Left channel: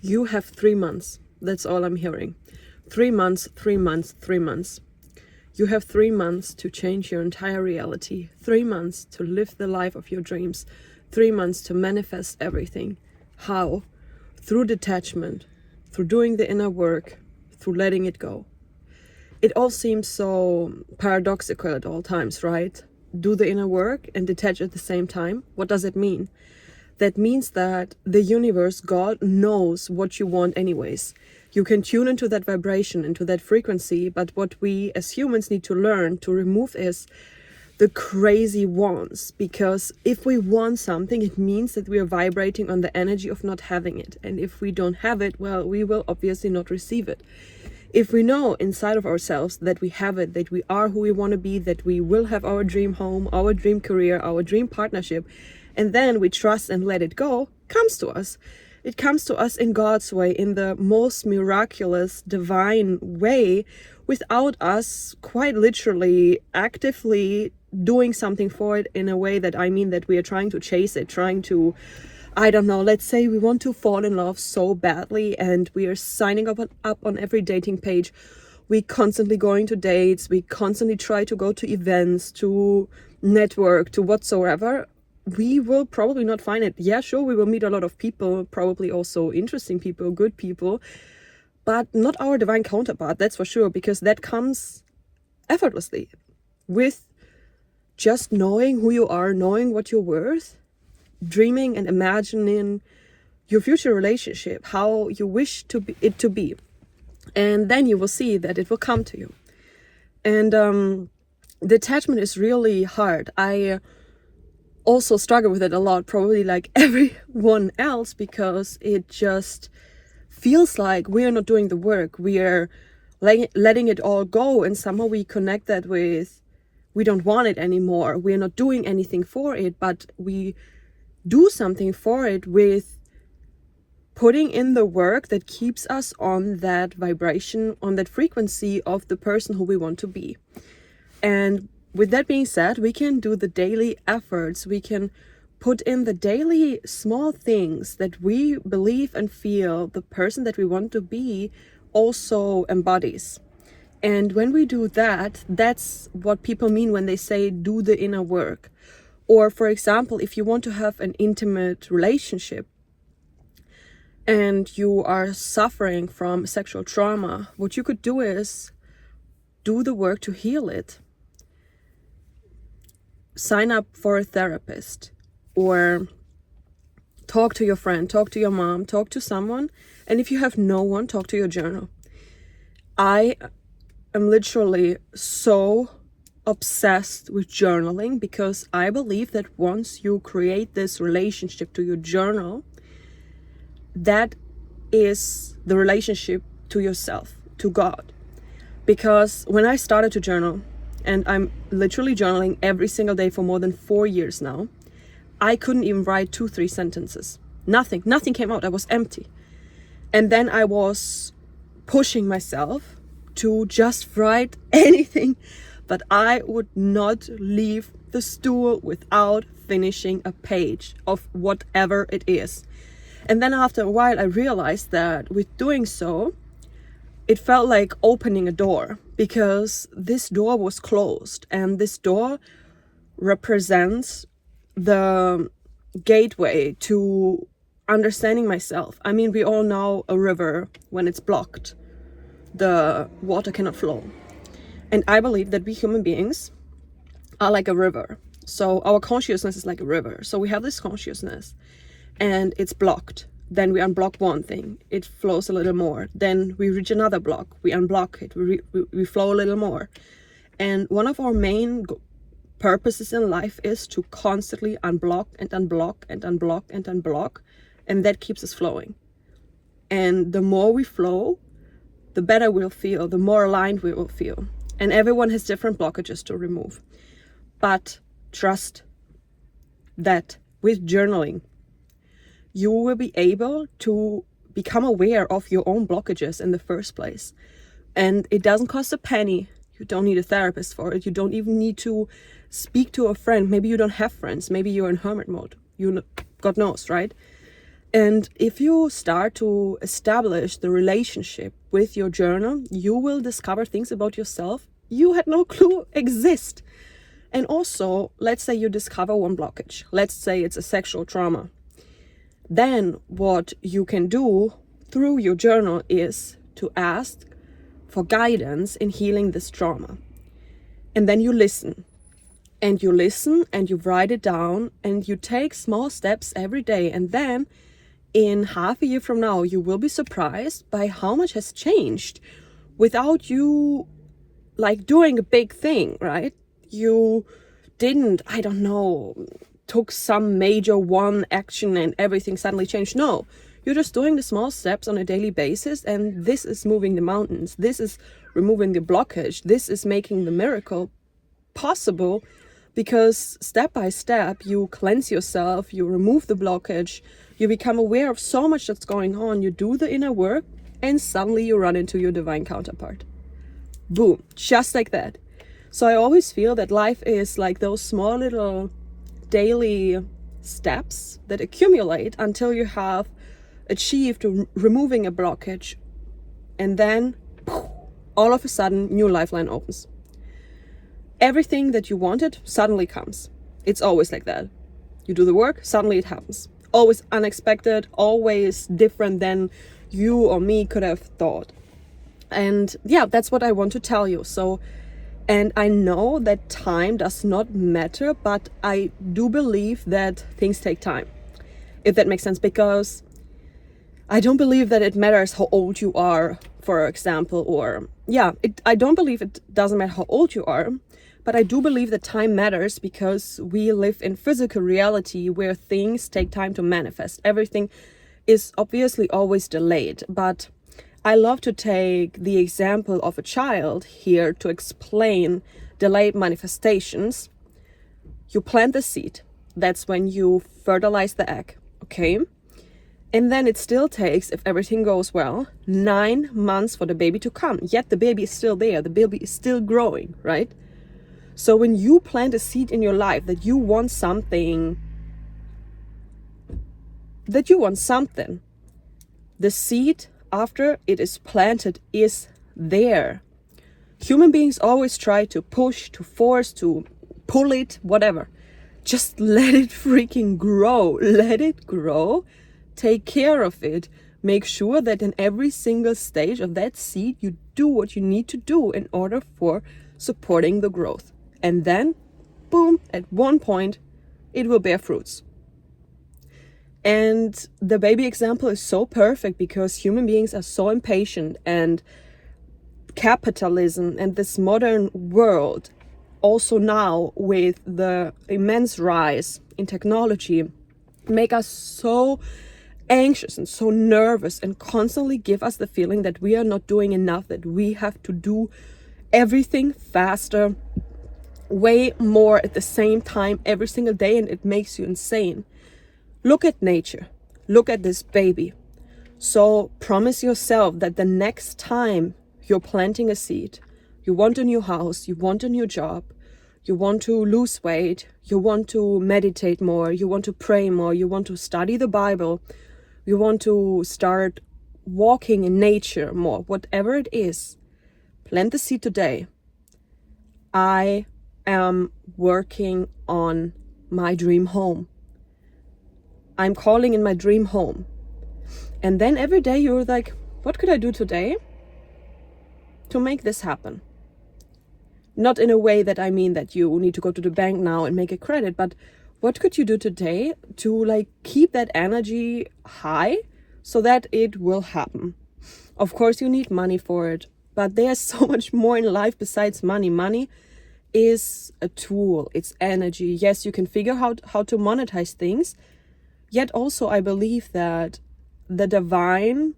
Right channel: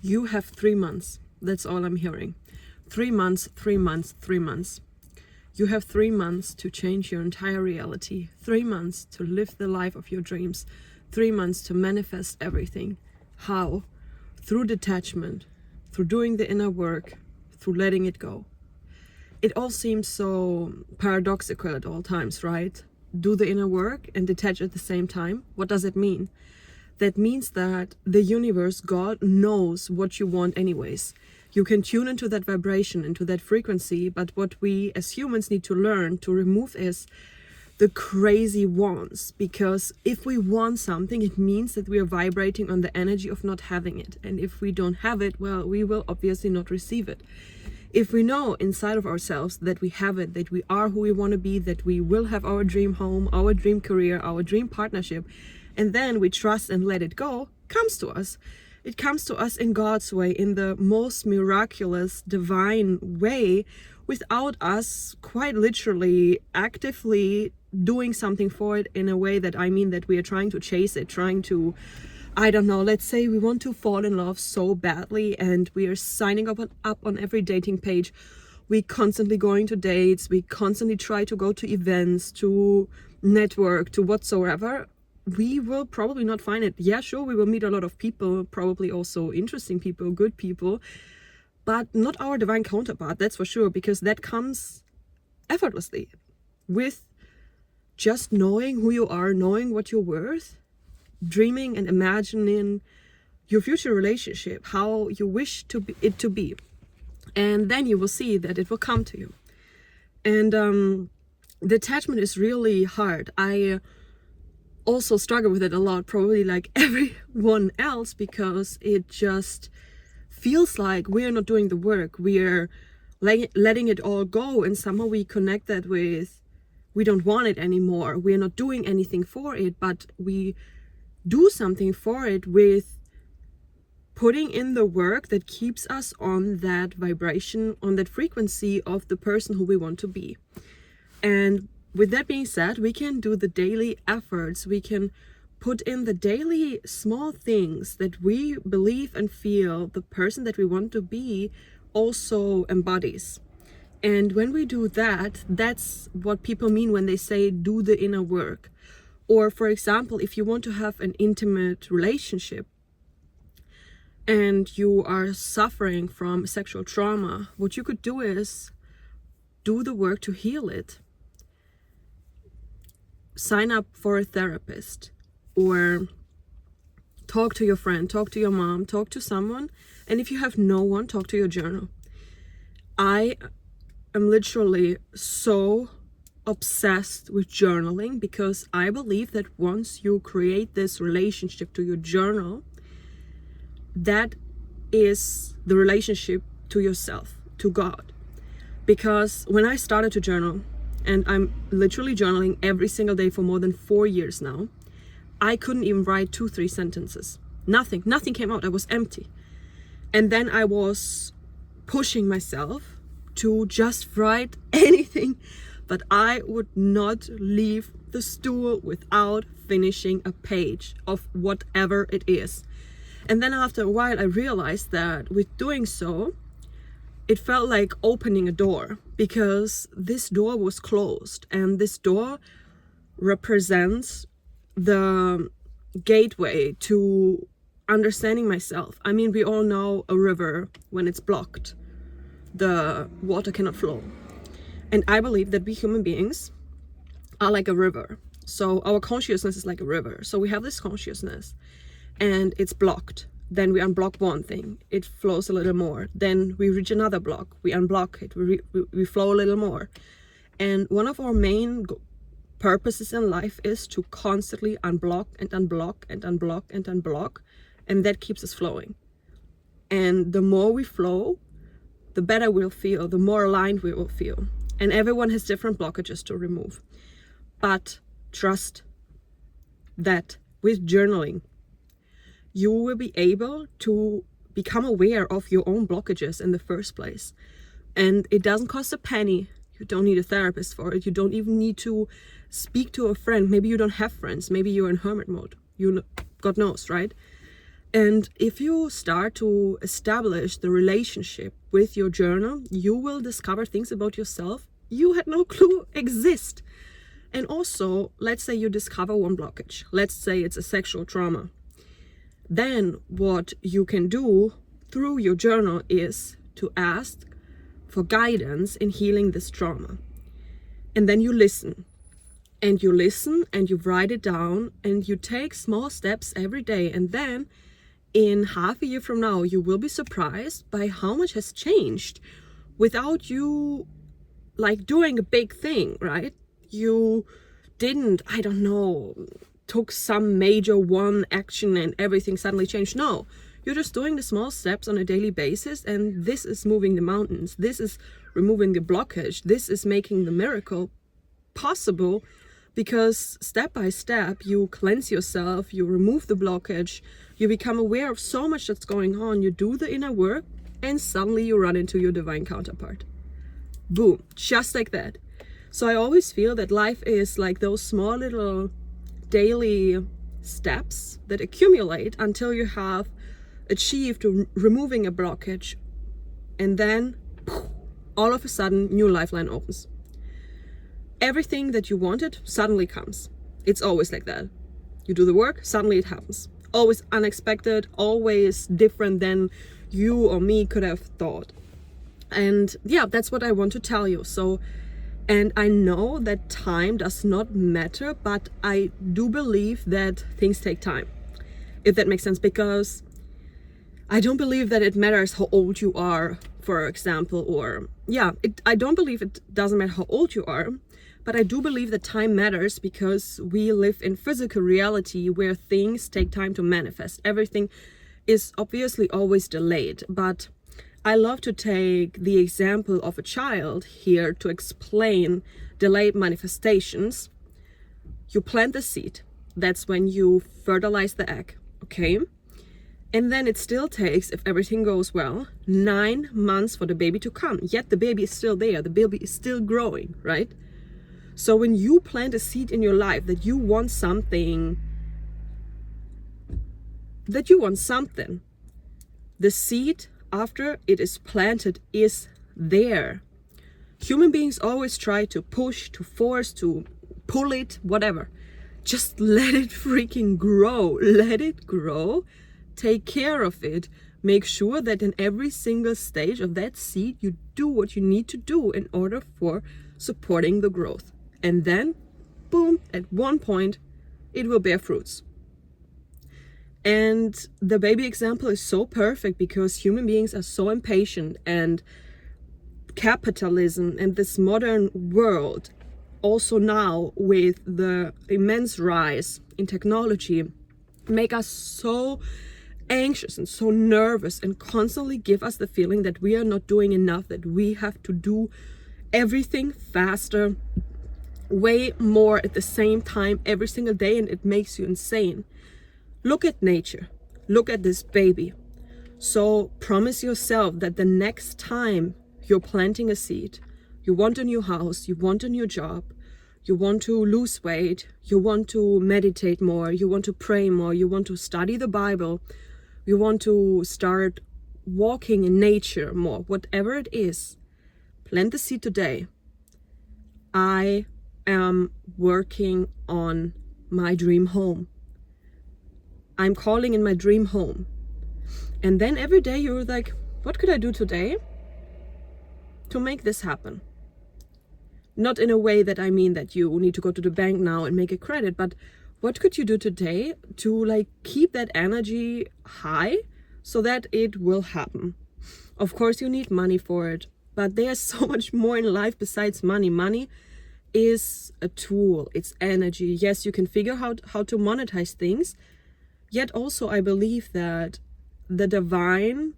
You have 3 months. That's all I'm hearing. 3 months, 3 months, 3 months. You have 3 months to change your entire reality. 3 months to live the life of your dreams. 3 months to manifest everything. How? Through detachment, through doing the inner work, through letting it go. It all seems so paradoxical at all times, right? Do the inner work and detach at the same time. What does it mean? That means that the universe, God, knows what you want anyways. You can tune into that vibration, into that frequency, but what we as humans need to learn to remove is the crazy wants. Because if we want something, it means that we are vibrating on the energy of not having it. And if we don't have it, well, we will obviously not receive it. If we know inside of ourselves that we have it, that we are who we want to be, that we will have our dream home, our dream career, our dream partnership, and then we trust and let it go, comes to us. It comes to us in God's way, in the most miraculous, divine way, without us quite literally actively doing something for it in a way that I mean that we are trying to chase it, trying to, I don't know, let's say we want to fall in love so badly and we are signing up on every dating page. We constantly going to dates, we constantly try to go to events, to network, to whatsoever. We will probably not find it. Yeah, sure, we will meet a lot of people, probably also interesting people, good people, but not our divine counterpart, that's for sure, because that comes effortlessly with just knowing who you are, knowing what you're worth, dreaming and imagining your future relationship, how you wish it to be. And then you will see that it will come to you. And detachment is really hard. I also struggle with it a lot, probably like everyone else, because it just feels like we are not doing the work. We are letting it all go, and somehow we connect that with we don't want it anymore. We are not doing anything for it, but we do something for it with putting in the work that keeps us on that vibration, on that frequency of the person who we want to be. And with that being said, we can do the daily efforts. We can put in the daily small things that we believe and feel the person that we want to be also embodies. And when we do that, that's what people mean when they say do the inner work. Or for example, if you want to have an intimate relationship and you are suffering from sexual trauma, what you could do is do the work to heal it. Sign up for a therapist, or talk to your friend, talk to your mom, talk to someone. And if you have no one, talk to your journal. I am literally so obsessed with journaling because I believe that once you create this relationship to your journal, that is the relationship to yourself, to God. Because when I started to journal, and I'm literally journaling every single day for more than 4 years now, I couldn't even write 2-3 sentences. Nothing came out. I was empty. And then I was pushing myself to just write anything, but I would not leave the stool without finishing a page of whatever it is. And then after a while, I realized that with doing so, it felt like opening a door, because this door was closed, and this door represents the gateway to understanding myself. I mean, we all know a river, when it's blocked, the water cannot flow. And I believe that we human beings are like a river. So our consciousness is like a river. So we have this consciousness and it's blocked. Then we unblock one thing, it flows a little more. Then we reach another block, we unblock it, we flow a little more. And one of our main purposes in life is to constantly unblock and unblock and unblock and unblock, and that keeps us flowing. And the more we flow, the better we'll feel, the more aligned we will feel. And everyone has different blockages to remove. But trust that with journaling, you will be able to become aware of your own blockages in the first place. And it doesn't cost a penny. You don't need a therapist for it. You don't even need to speak to a friend. Maybe you don't have friends. Maybe you're in hermit mode. God knows, right? And if you start to establish the relationship with your journal, you will discover things about yourself you had no clue exist. And also, let's say you discover one blockage. Let's say it's a sexual trauma. Then what you can do through your journal is to ask for guidance in healing this trauma. And then you listen. And you listen and you write it down and you take small steps every day. And then in half a year from now, you will be surprised by how much has changed without you like doing a big thing, right? You didn't, I don't know, took some major one action and everything suddenly changed. No, you're just doing the small steps on a daily basis, and this is moving the mountains. This is removing the blockage. This is making the miracle possible, because step by step you cleanse yourself, you remove the blockage, you become aware of so much that's going on, you do the inner work, and suddenly you run into your divine counterpart. Boom, just like that. So I always feel that life is like those small little daily steps that accumulate until you have achieved removing a blockage, and then all of a sudden new lifeline opens. Everything that you wanted suddenly comes. It's always like that. You do the work, suddenly it happens. Always unexpected, always different than you or me could have thought. And yeah, that's what I want to tell you. So, and I know that time does not matter, but I do believe that things take time, if that makes sense, because I don't believe that it matters how old you are, for example, or I don't believe it doesn't matter how old you are. But I do believe that time matters because we live in physical reality where things take time to manifest. Everything is obviously always delayed. But I love to take the example of a child here to explain delayed manifestations. You plant the seed. That's when you fertilize the egg, okay? And then it still takes, if everything goes well, 9 months for the baby to come. Yet the baby is still there. The baby is still growing, right? So when you plant a seed in your life that you want something, the seed, after it is planted, is there. Human beings always try to push, to force, to pull it, whatever. Just let it freaking grow. Let it grow. Take care of it. Make sure that in every single stage of that seed, you do what you need to do in order for supporting the growth. And then, boom, at one point, it will bear fruits. And the baby example is so perfect because human beings are so impatient, and capitalism and this modern world, also now with the immense rise in technology, make us so anxious and so nervous and constantly give us the feeling that we are not doing enough, that we have to do everything faster, way more at the same time every single day, and it makes you insane. Look at nature. Look at this baby. So promise yourself that the next time you're planting a seed, you want a new house, you want a new job, you want to lose weight, you want to meditate more, you want to pray more, you want to study the Bible, you want to start walking in nature more, whatever it is, plant the seed today. I am working on my dream home. I'm calling in my dream home. And then every day you're like, what could I do today to make this happen? Not in a way that I mean that you need to go to the bank now and make a credit, but what could you do today to like keep that energy high so that it will happen? Of course you need money for it, but there's so much more in life besides money. Money is a tool, it's energy. Yes, you can figure out how to monetize things, yet also I believe that the divine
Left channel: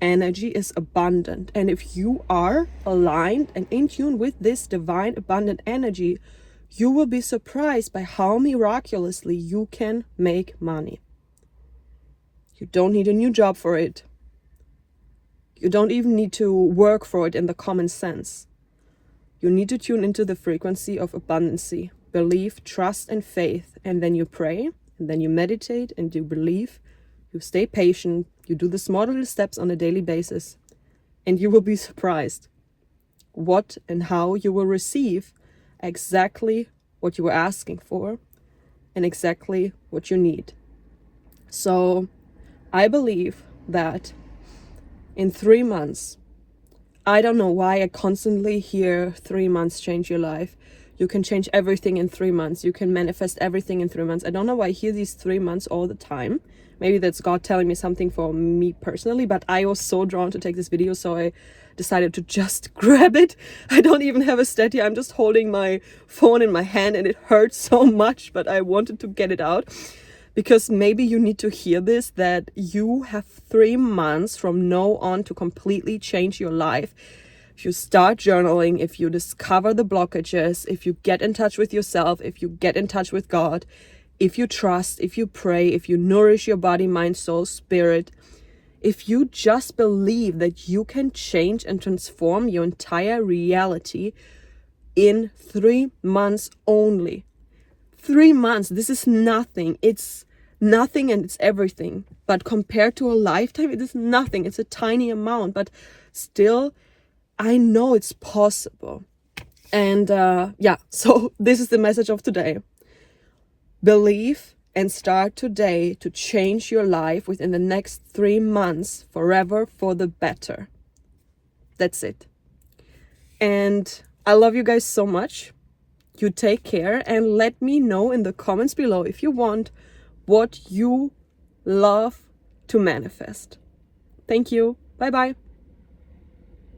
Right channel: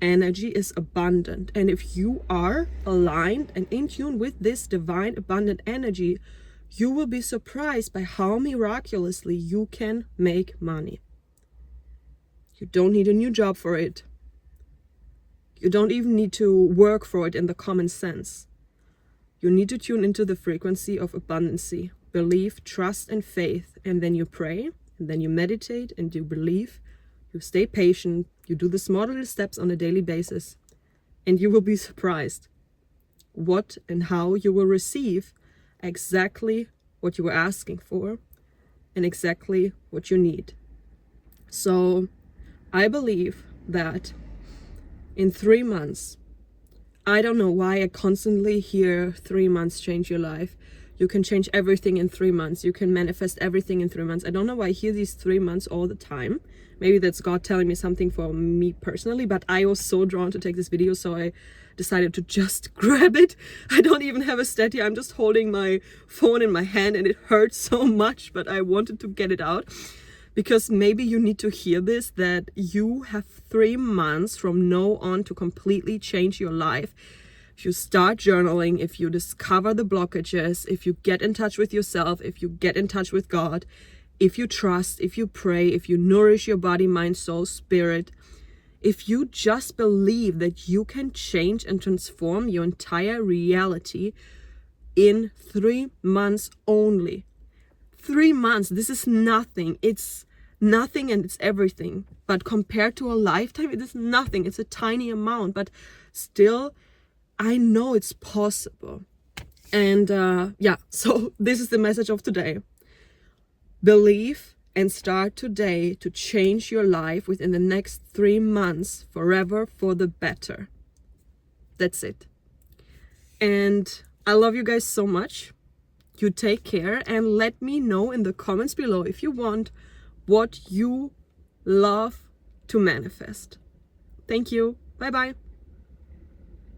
energy is abundant, and if you are aligned and in tune with this divine abundant energy, you will be surprised by how miraculously you can make money. You don't need a new job for it. You don't even need to work for it in the common sense. You need to tune into the frequency of abundancy, belief, trust, and faith. And then you pray, and then you meditate, and you believe, you stay patient, you do the small little steps on a daily basis, and you will be surprised what and how you will receive exactly what you were asking for and exactly what you need. So I believe that in 3 months, I don't know why I constantly hear 3 months change your life. You can change everything in 3 months. You can manifest everything in 3 months. I don't know why I hear these 3 months all the time. Maybe that's God telling me something for me personally, but I was so drawn to take this video, so I decided to just grab it. I don't even have a stand here. I'm just holding my phone in my hand and it hurts so much, but I wanted to get it out because maybe you need to hear this, that you have 3 months from now on to completely change your life. If you start journaling, if you discover the blockages, if you get in touch with yourself, if you get in touch with God, if you trust, if you pray, if you nourish your body, mind, soul, spirit, if you just believe that you can change and transform your entire reality in 3 months only. 3 months, this is nothing. It's nothing and it's everything. But compared to a lifetime, it is nothing. It's a tiny amount, but still, I know it's possible. And so this is the message of today. Believe and start today to change your life within the next 3 months, forever for the better. That's it. And I love you guys so much. You take care and let me know in the comments below if you want what you love to manifest. Thank you. Bye bye.